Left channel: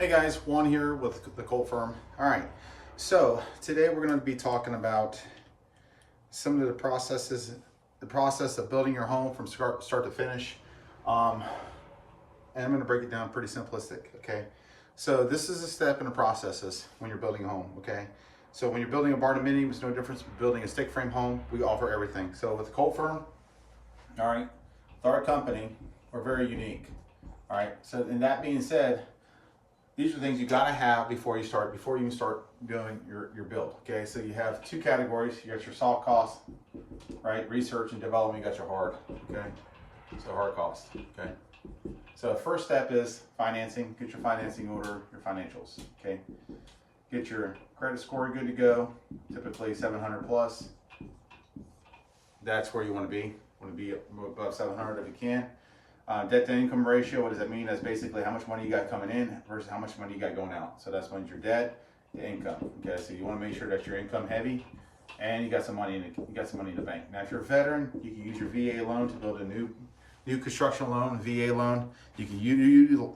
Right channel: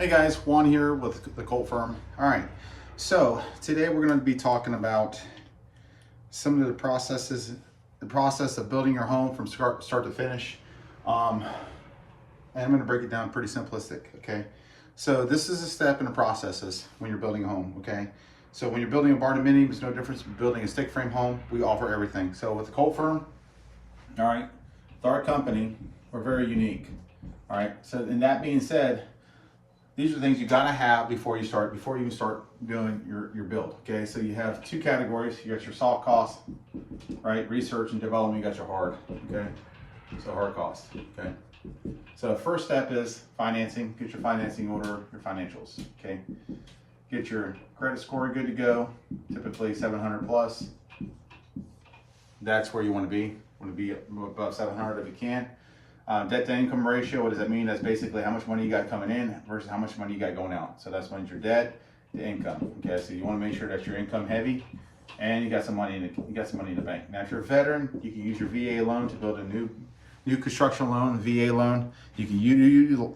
Hey guys, Juan here with the Colt firm. All right, so today we're going to be talking about some of the process of building your home from start to finish. And I'm going to break it down pretty simplistic, okay? So this is a step in the processes when you're building a home, okay? So when you're building a barndominium, it's no difference from building a stick frame home. We offer everything. So with the Colt firm, all right, with our company, we're very unique, all right? So, and that being said, these are things you gotta have before you even start doing your build, okay? So you have two categories. You got your soft costs, right? Research and development, you got your hard, okay? So hard costs, okay? So first step is financing. Get your financing order, your financials, okay? Get your credit score good to go, typically 700 plus. That's where you wanna be. Want to be above 700 if you can. Debt to income ratio, what does that mean? That's basically how much money you got coming in versus how much money you got going out. So that's when your debt to income. Okay, so you want to make sure that you're income heavy and you got some money in the bank. Now, if you're a veteran, you can use your VA loan to build a new construction loan, VA loan. You can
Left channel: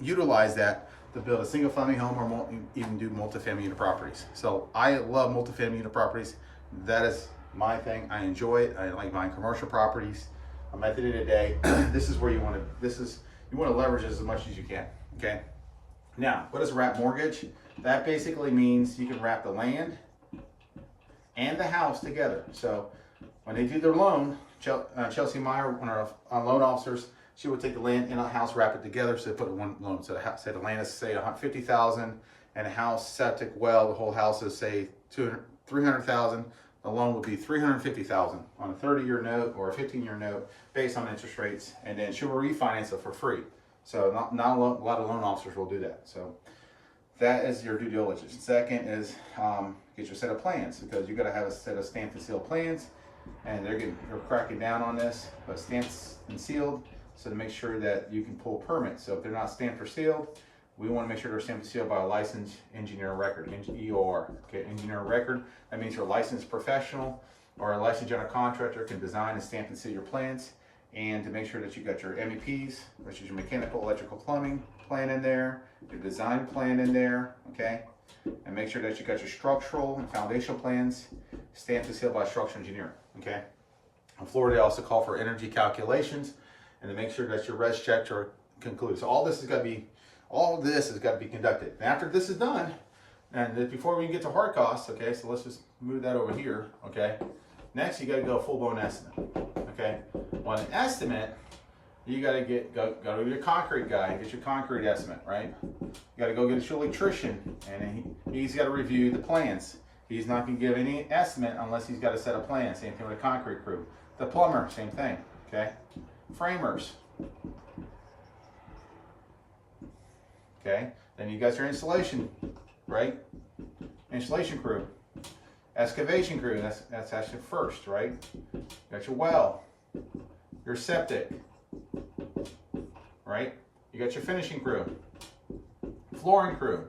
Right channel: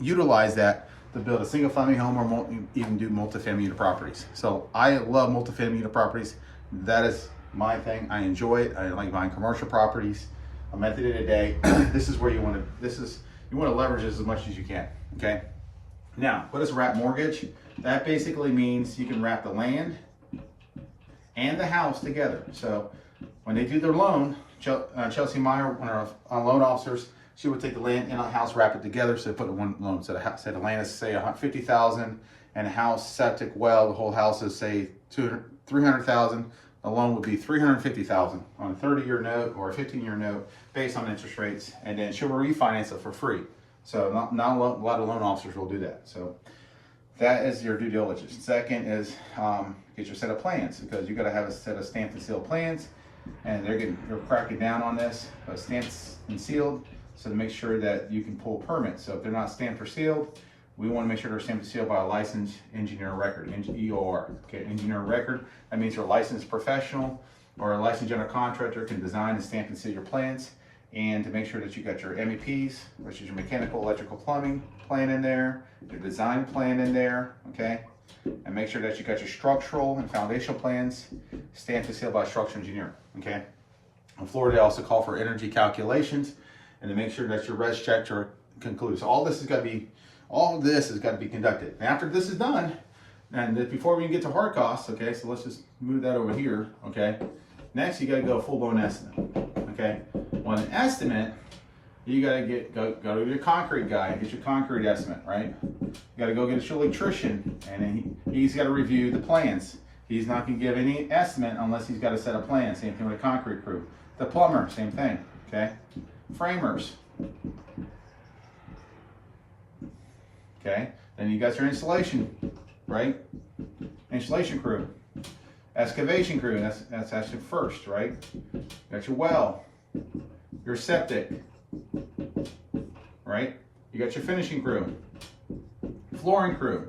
utilize that to build a single family home or even do multifamily unit properties. So I love multifamily unit properties. That is my thing. I enjoy it. I like buying commercial properties. I'm at the end of the day, this is where you want to leverage this as much as you can, okay? Now, what is a wrap mortgage? That basically means you can wrap the land and the house together. So when they do their loan, Chelsea Meyer, one of our loan officers, she would take the land and a house, wrap it together, so they put it in one loan. So the land is say $50,000 and a house, septic, well, the whole house is say $300,000. The loan would be $350,000 on a 30-year note or a 15-year note based on interest rates, and then she'll refinance it for free. So not a lot of loan officers will do that. So that is your due diligence. Second is get your set of plans, because you got to have a set of stamped and sealed plans, and they're cracking down on this, but stamped and sealed, so to make sure that you can pull permits. So if they're not stamped or sealed, we want to make sure they're stamped and sealed by a licensed engineer record, EOR. Okay, engineer record. That means you're a licensed professional or a licensed general contractor can design and stamp and seal your plans, and to make sure that you got your MEPs, which is your mechanical, electrical, plumbing plan in there, your design plan in there, okay? And make sure that you got your structural and foundational plans stamped and sealed by a structural engineer, okay? In Florida, they also call for energy calculations, and to make sure that your res checks are concluded. So all of this has got to be conducted. And after this is done, and before we even get to hard costs, okay, so let's just move that over here, okay? Next, you got to go full-blown estimate, okay? On an estimate, you got to go to your concrete guy, get your concrete estimate, right? You got to go get your electrician, and he's got to review the plans. He's not going to give any estimate unless he's got a set of plans. Same thing with a concrete crew. The plumber, same thing, okay? Framers. Okay, then you got your installation, right? Installation crew. Excavation crew, that's actually first, right? You got your well, your septic, right? You got your finishing crew, flooring crew.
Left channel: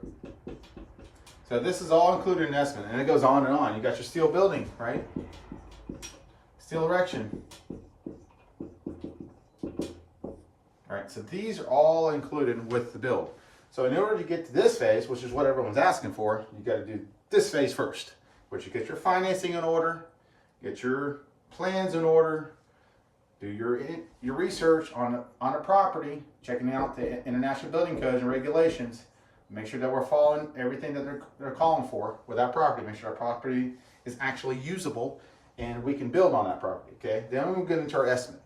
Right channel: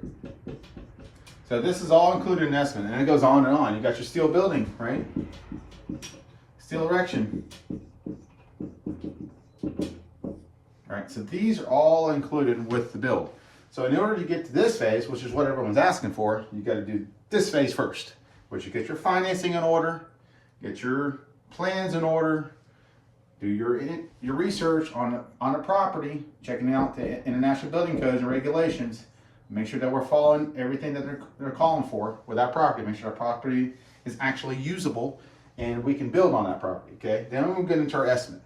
So this is all included in estimate, and it goes on and on. You got your steel building, right? Steel erection. All right, so these are all included with the build. So in order to get to this phase, which is what everyone's asking for, you got to do this phase first, which you get your financing in order, get your plans in order, do your research on a property, checking out the international building codes and regulations, make sure that we're following everything that they're calling for with that property, make sure our property is actually usable and we can build on that property, okay? Then we'll get into our estimate.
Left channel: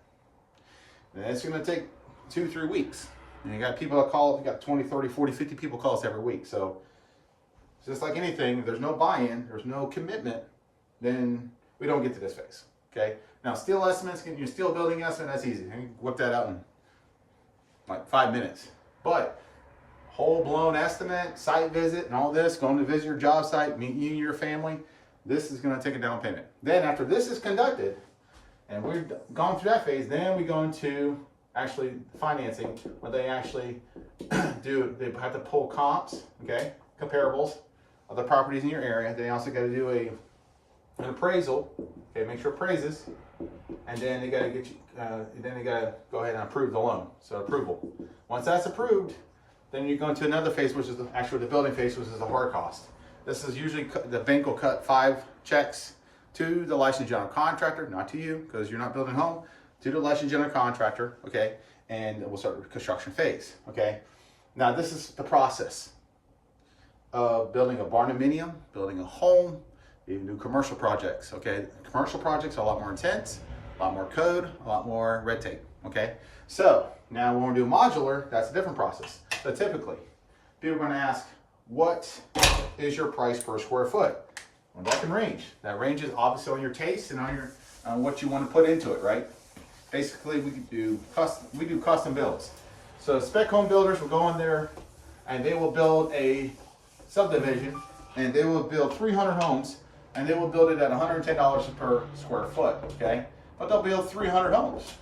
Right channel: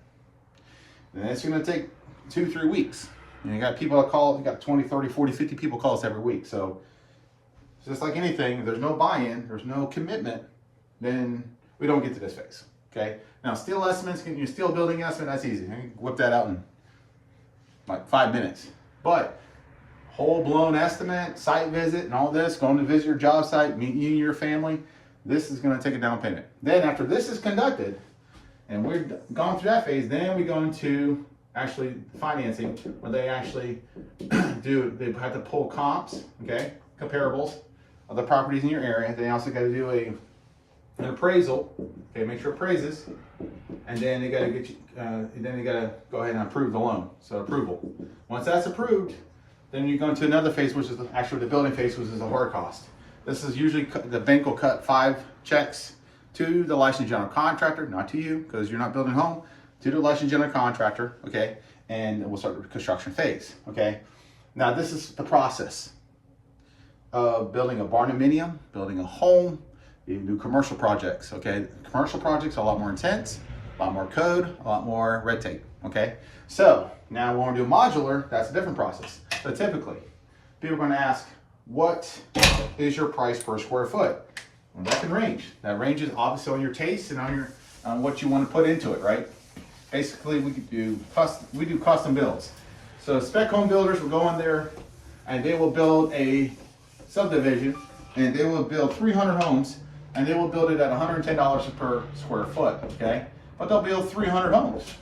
And it's going to take 2-3 weeks. And you got people that call, you got 20, 30, 40, 50 people call us every week. So just like anything, if there's no buy-in, there's no commitment, then we don't get to this phase, okay? Now, steel estimates, your steel building estimate, that's easy. You can whip that out in like 5 minutes. But whole-blown estimate, site visit, and all this, going to visit your job site, meet you and your family, this is going to take a down payment. Then after this is conducted, and we've gone through that phase, then we go into actually financing, where they actually they have to pull comps, okay, comparables of the properties in your area. They also got to do an appraisal, okay, make sure it appraises, and then they got to get you, then they got to go ahead and approve the loan. So approval. Once that's approved, Then you go into another phase, which is actually the building phase, which is the hard cost. This is usually, the bank will cut 5 checks to the licensed general contractor, not to you, because you're not building a home, to the licensed general contractor, okay? And we'll start the construction phase, okay? Now, this is the process of building a barndominium, building a home. You can do commercial projects, okay? Commercial projects are a lot more intense, a lot more code, a lot more red tape, okay? So now when we do modular, that's a different process. So typically, people are gonna ask, what is your price per square foot? Well, that can range. That ranges obviously on your taste and on what you want to put into it, right? Basically, we do custom builds. So spec home builders will go in there and they will build a subdivision and they will build 300 homes and they will build it at $110 per square foot, okay? But they'll build 300 homes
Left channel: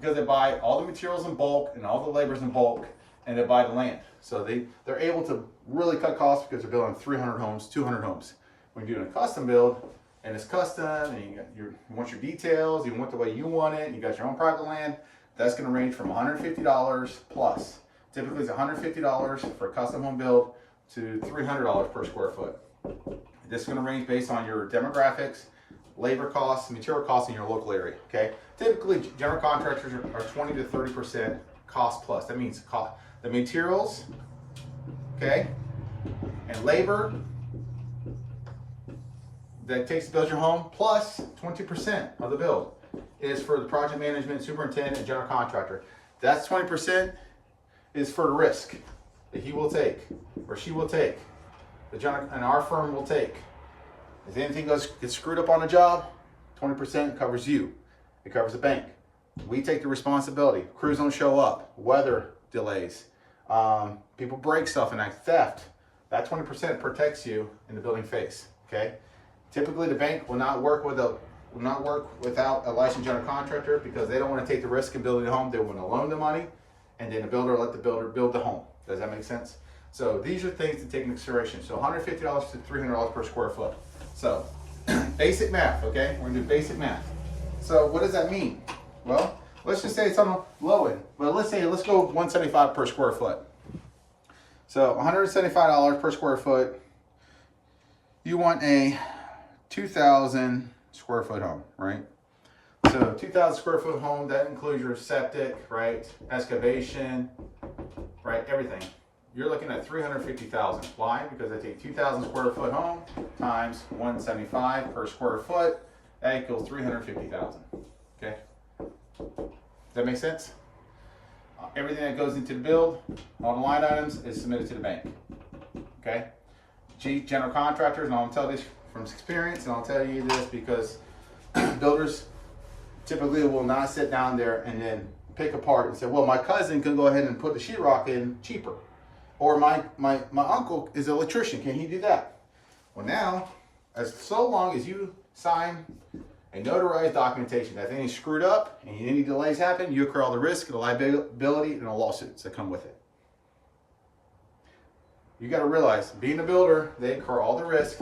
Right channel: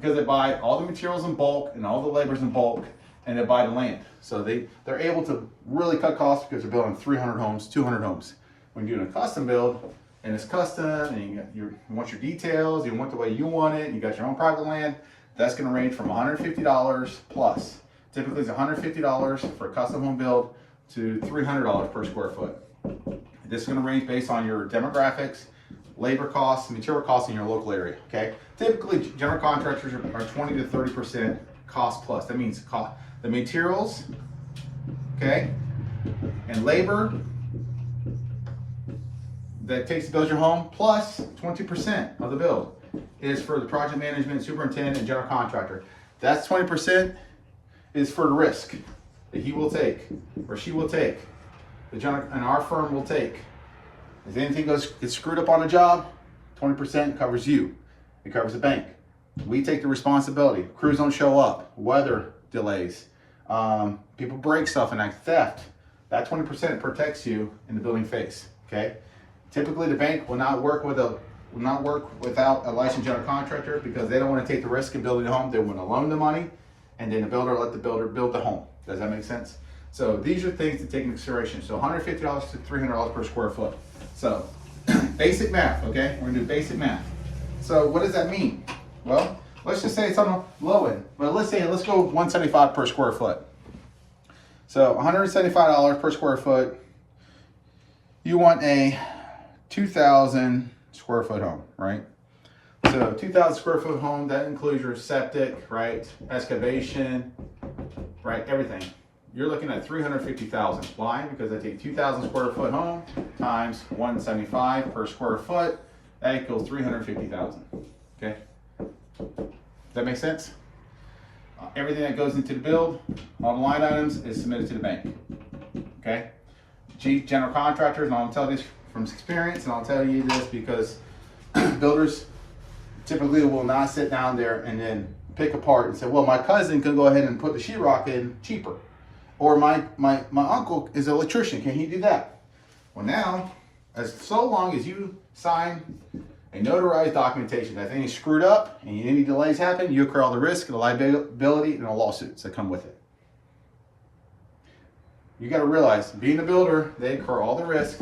because they buy all the materials in bulk and all the laborers in bulk and they buy the land. So they're able to really cut costs because they're building 300 homes, 200 homes. When you're doing a custom build, and it's custom, and you want your details, you want the way you want it, you got your own private land, that's gonna range from $150 plus. Typically it's $150 for a custom home build to $300 per square foot. This is gonna range based on your demographics, labor costs, material costs in your local area, okay? Typically, general contractors are 20 to 30% cost plus. That means the materials, okay, and labor that takes to build your home, plus 20% of the build is for the project management, superintendent, and general contractor. That's 20% is for the risk that he will take, or she will take, and our firm will take. If anything gets screwed up on a job, 20% covers you. It covers the bank. We take the responsibility. Crews don't show up, weather delays, people break stuff and act theft. That 20% protects you in the building phase, okay? Typically, the bank will not work without a licensed general contractor because they don't want to take the risk in building a home. They want to loan the money, and then the builder let the builder build the home. Does that make sense? So these are things to take into consideration. So $150 to $300 per square foot. So basic math, okay? We're gonna do basic math. So what does that mean? Well, let's just say it's on the low end, but let's go $175 per square foot. So $175 per square foot. You want a 2,000 square foot home, right? So 2,000 square foot home, that includes your septic, right? Excavation, right? Everything. You're looking at $350,000. Why? Because I take 2,000 square foot home times 175 per square foot. That equals $350,000. Okay. Does that make sense? Everything that goes into the build, all the line items, is submitted to the bank. Okay. General contractors, and I'll tell this from experience, and I'll tell you this because builders typically will not sit down there and then pick apart and say, well, my cousin can go ahead and put the sheetrock in cheaper. Or my uncle is an electrician, can he do that? Well now, so long as you sign a notarized documentation that anything's screwed up and any delays happen, you incur all the risk, the liability, and the lawsuits that come with it. You got to realize, being a builder, they incur all the risk,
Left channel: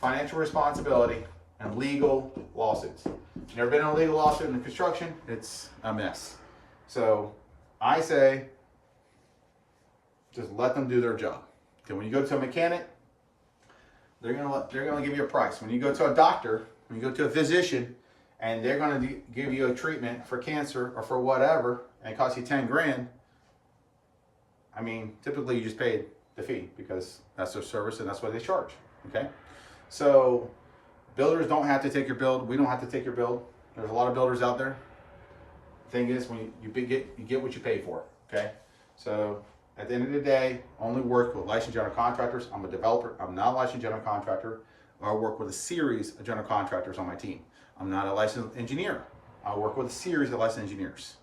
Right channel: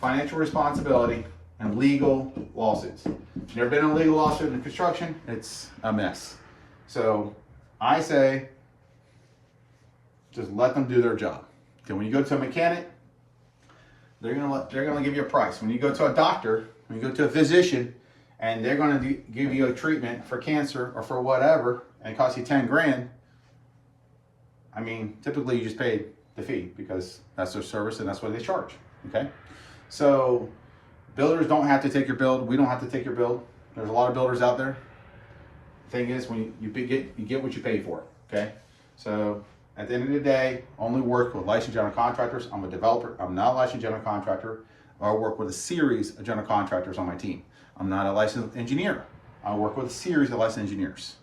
financial responsibility, and legal lawsuits. Never been in a legal lawsuit in construction? It's a mess. So I say, just let them do their job. Okay, when you go to a mechanic, they're gonna give you a price. When you go to a doctor, when you go to a physician, and they're gonna give you a treatment for cancer or for whatever, and it costs you 10 grand, I mean, typically you just pay the fee because that's their service and that's what they charge, okay? So builders don't have to take your build. We don't have to take your build. There's a lot of builders out there. The thing is, when you get what you pay for, okay? So at the end of the day, only work with licensed general contractors. I'm a developer. I'm not a licensed general contractor. I work with a series of general contractors on my team. I'm not a licensed engineer. I work with a series of licensed engineers.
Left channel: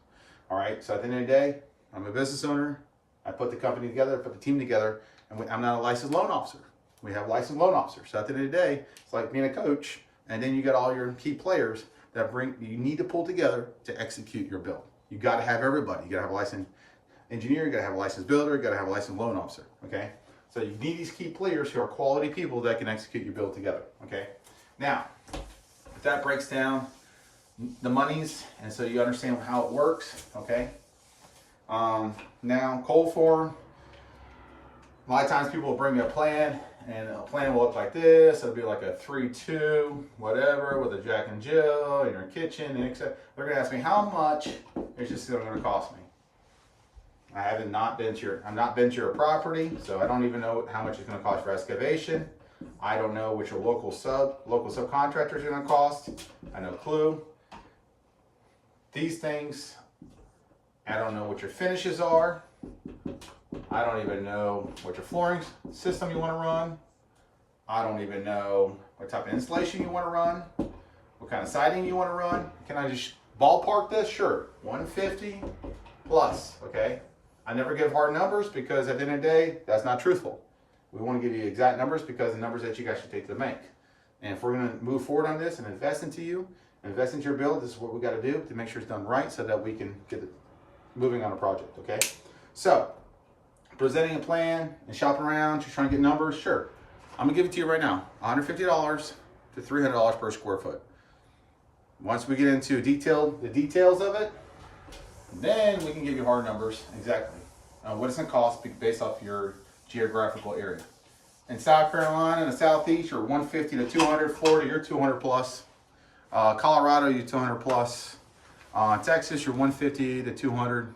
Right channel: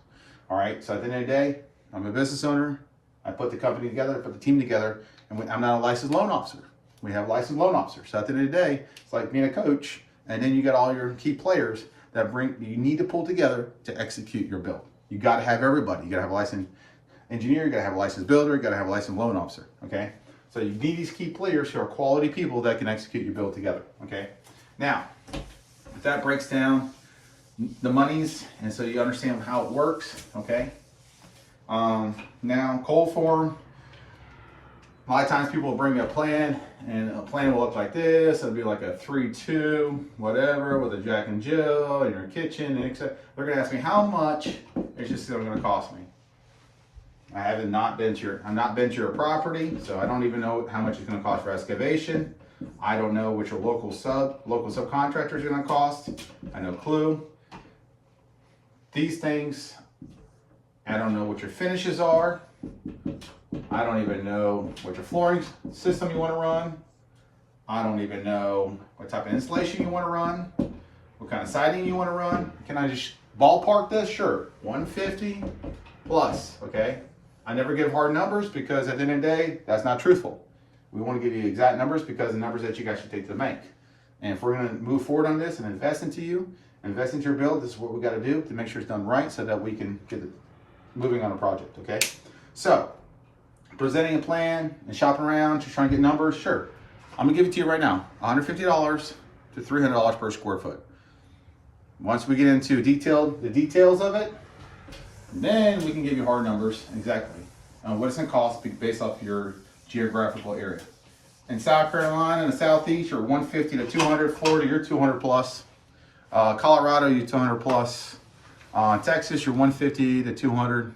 All right, so at the end of the day, I'm a business owner. I put the company together, put the team together, and I'm not a licensed loan officer. We have licensed loan officers. So at the end of the day, it's like being a coach, and then you got all your key players that you need to pull together to execute your build. You got to have everybody. You got to have a licensed engineer, you got to have a licensed builder, you got to have a licensed loan officer, okay? So you need these key players who are quality people that can execute your build together, okay? Now, if that breaks down the monies, and so you understand how it works, okay? Now, cold form, A lot of times people will bring me a plan, and a plan will look like this. It'll be like a 3-2 whatever with a Jack and Jill in your kitchen, and etc. They're gonna ask me how much it's just gonna cost me. I've not been to your property, so I don't even know how much it's gonna cost for excavation. I don't know what your local subcontractors are gonna cost. I have no clue. These things, I don't know what your finishes are. I don't even know what your flooring system you want to run. I don't even know what type of installation you want to run, what kind of siding you want to run. Can I just ballpark this? Sure, 150 plus, okay? I never give hard numbers because at the end of the day, that's not truthful. We want to give you exact numbers because the numbers that you guys should take to the bank. And if we're going to move forward on this and invest into you, invest into your build, this is what we got to do to make sure it's done right so that we can get it moving on a project, okay? So, presenting a plan and shopping around, just trying to get numbers, sure. I'm gonna give it to you right now, $150 to $300 per square foot. Once we get into the details of it, then we can give you hard numbers exactly on what it's gonna cost based off your geographical area. In South Carolina and the Southeast, you're 150 to 200. Florida, you're 200 plus. Colorado, you're 200 plus. Texas, you're 150 to 200.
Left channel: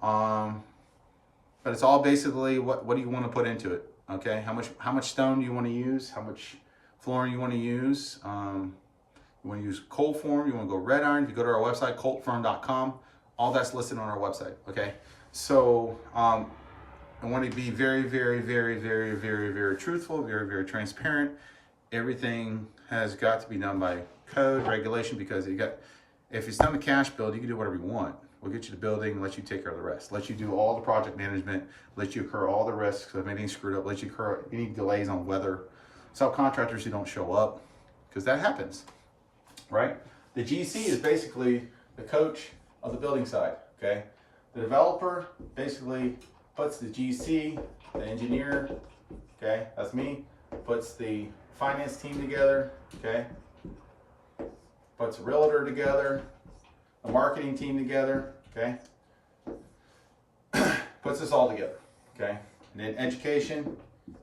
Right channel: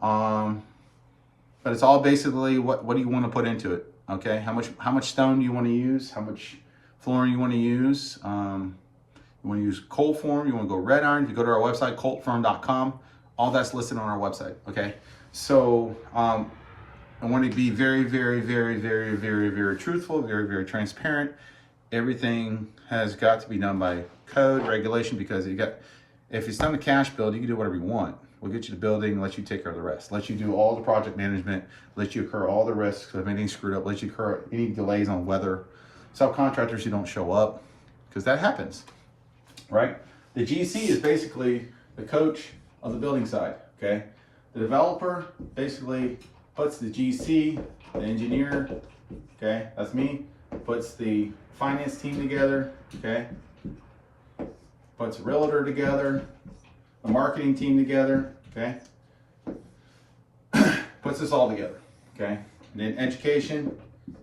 But it's all basically what do you want to put into it, okay? How much stone do you want to use? How much flooring you want to use? You want to use cold form? You want to go red iron? If you go to our website, coltfirm.com, all that's listed on our website, okay? So I want to be very, very, very, very, very, very truthful, very, very transparent. Everything has got to be done by code, regulation, because if it's done a cash build, you can do whatever you want. We'll get you the building, let you take care of the rest. Let you do all the project management, let you incur all the risks of anything screwed up, let you incur any delays on weather. Subcontractors who don't show up, because that happens, right? The GC is basically the coach of the building side, okay? The developer basically puts the GC, the engineer, okay, that's me, puts the finance team together, okay? Puts a realtor together, the marketing team together, okay? Puts this all together, okay? And then education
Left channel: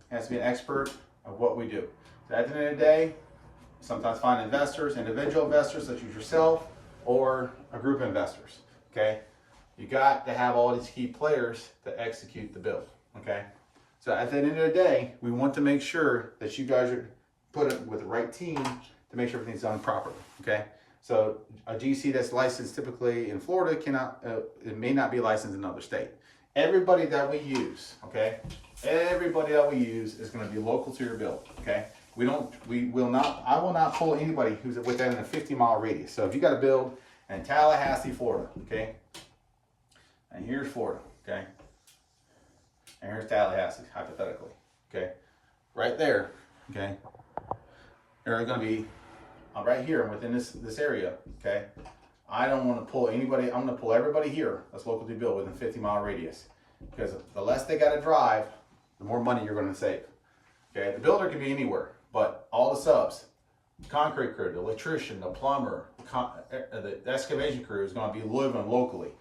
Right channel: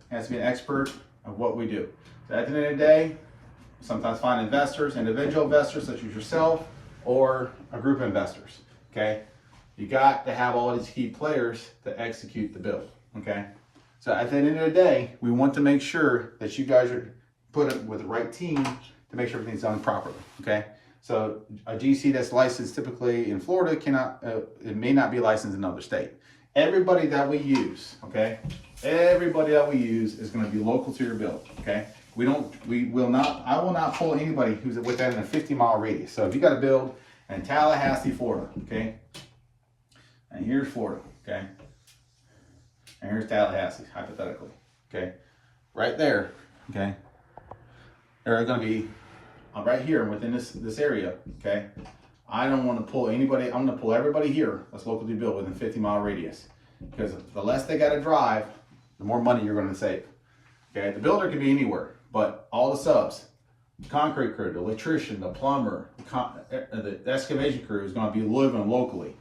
has to be an expert of what we do. So at the end of the day, sometimes find investors, individual investors such as yourself, or a group of investors, okay? You got to have all these key players to execute the build, okay? So at the end of the day, we want to make sure that you guys are put it with the right team to make sure everything's done properly, okay? So a GC that's licensed typically in Florida it may not be licensed in another state. Everybody that we use, okay? Everybody that we use is going to be local to your build, okay? I will not pull anybody who's within a 50-mile radius. So if you got to build in Tallahassee, Florida, okay? And here's Florida, okay? And here's Tallahassee, hypothetically, okay? Right there, okay? They're going to be right here within this area, okay? I don't want to pull anybody. I'm going to pull everybody here that's locally built within 50-mile radius, because the less they got to drive, the more money you're going to save. Okay, the builder can be anywhere, but all the subs, the concrete crew, the electrician, the plumber, the excavation crew is going to be living locally.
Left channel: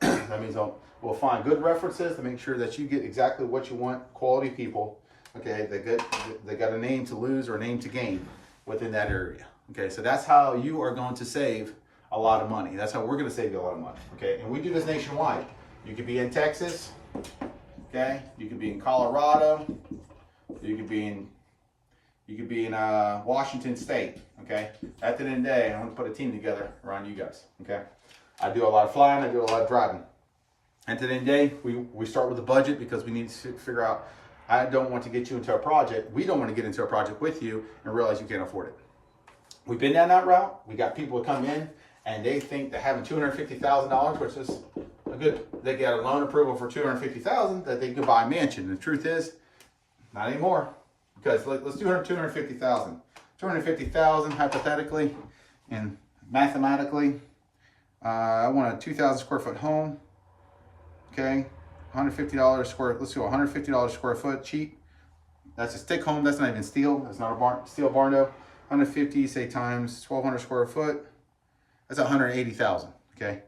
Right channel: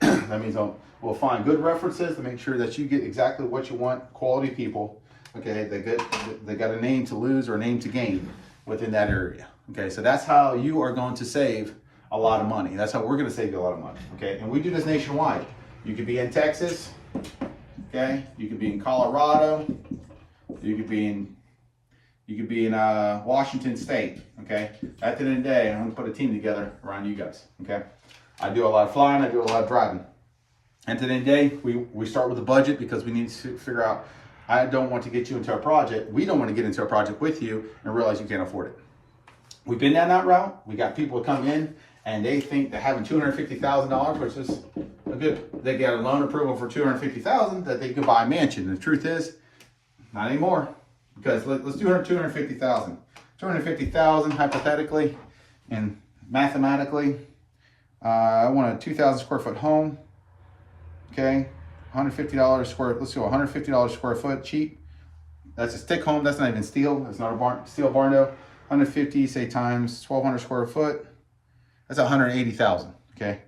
That means we'll find good references to make sure that you get exactly what you want. Quality people, okay? They got a name to lose or a name to gain within that area. Okay, so that's how you are going to save a lot of money. That's how we're going to save you a lot of money. Okay, and we do this nationwide. You could be in Texas, okay? You could be in Colorado. You could be in Washington State. Okay, at the end of the day, I'm going to put a team together around you guys. Okay, I do a lot of flying. I do a lot of driving. At the end of the day, we start with a budget because we need to figure out. I don't want to get you into a project. We don't want to get into a project with you and realize you can't afford it. We've been down that route. We got people that come in and they think that having $250,000, which is a good, they get a loan approval for $250,000, that they can buy a mansion. The truth is, not anymore. Because let's do $250,000. $250,000 hypothetically and mathematically. I want a 2,000 square foot home. Okay, $150 square. Let's go $150 square foot, cheap. That's a stick home. That's not even steel. That's not a steel barn though. 150, say times 1,200 square foot. That's 180,000. Okay.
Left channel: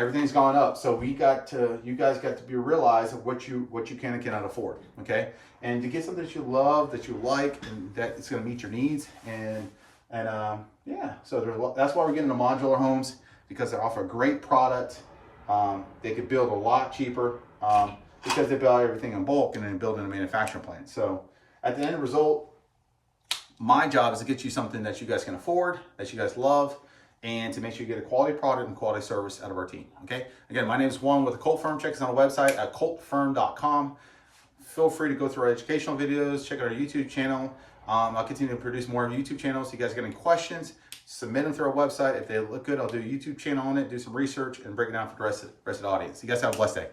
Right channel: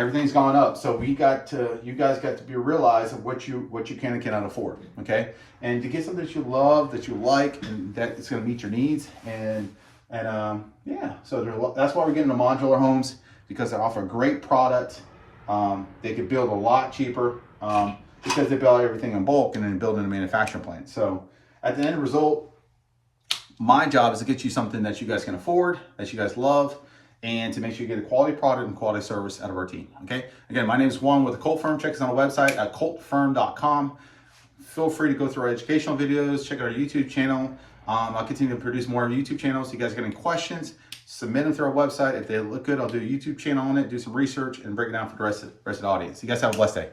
everything's gone up. So you guys got to be realize of what you can and cannot afford. Okay, and to get something that you love, that you like, and that it's going to meet your needs, and yeah. So that's why we're getting the modular homes, because they offer a great product. They could build a lot cheaper because they build everything in bulk and then build in a manufacturing plant. So at the end result, my job is to get you something that you guys can afford, that you guys love, and to make sure you get a quality product and quality service out of our team. Okay. Again, my name is Juan with the Colt Firm. Check us out on our website at coltfirm.com. Feel free to go through our educational videos, check out our YouTube channel. I'll continue to produce more YouTube channels. So you guys get any questions, submit them through our website. If they look good, I'll do a YouTube channel on it, do some research, and break it down for the rest of the audience. You guys have a blessed day.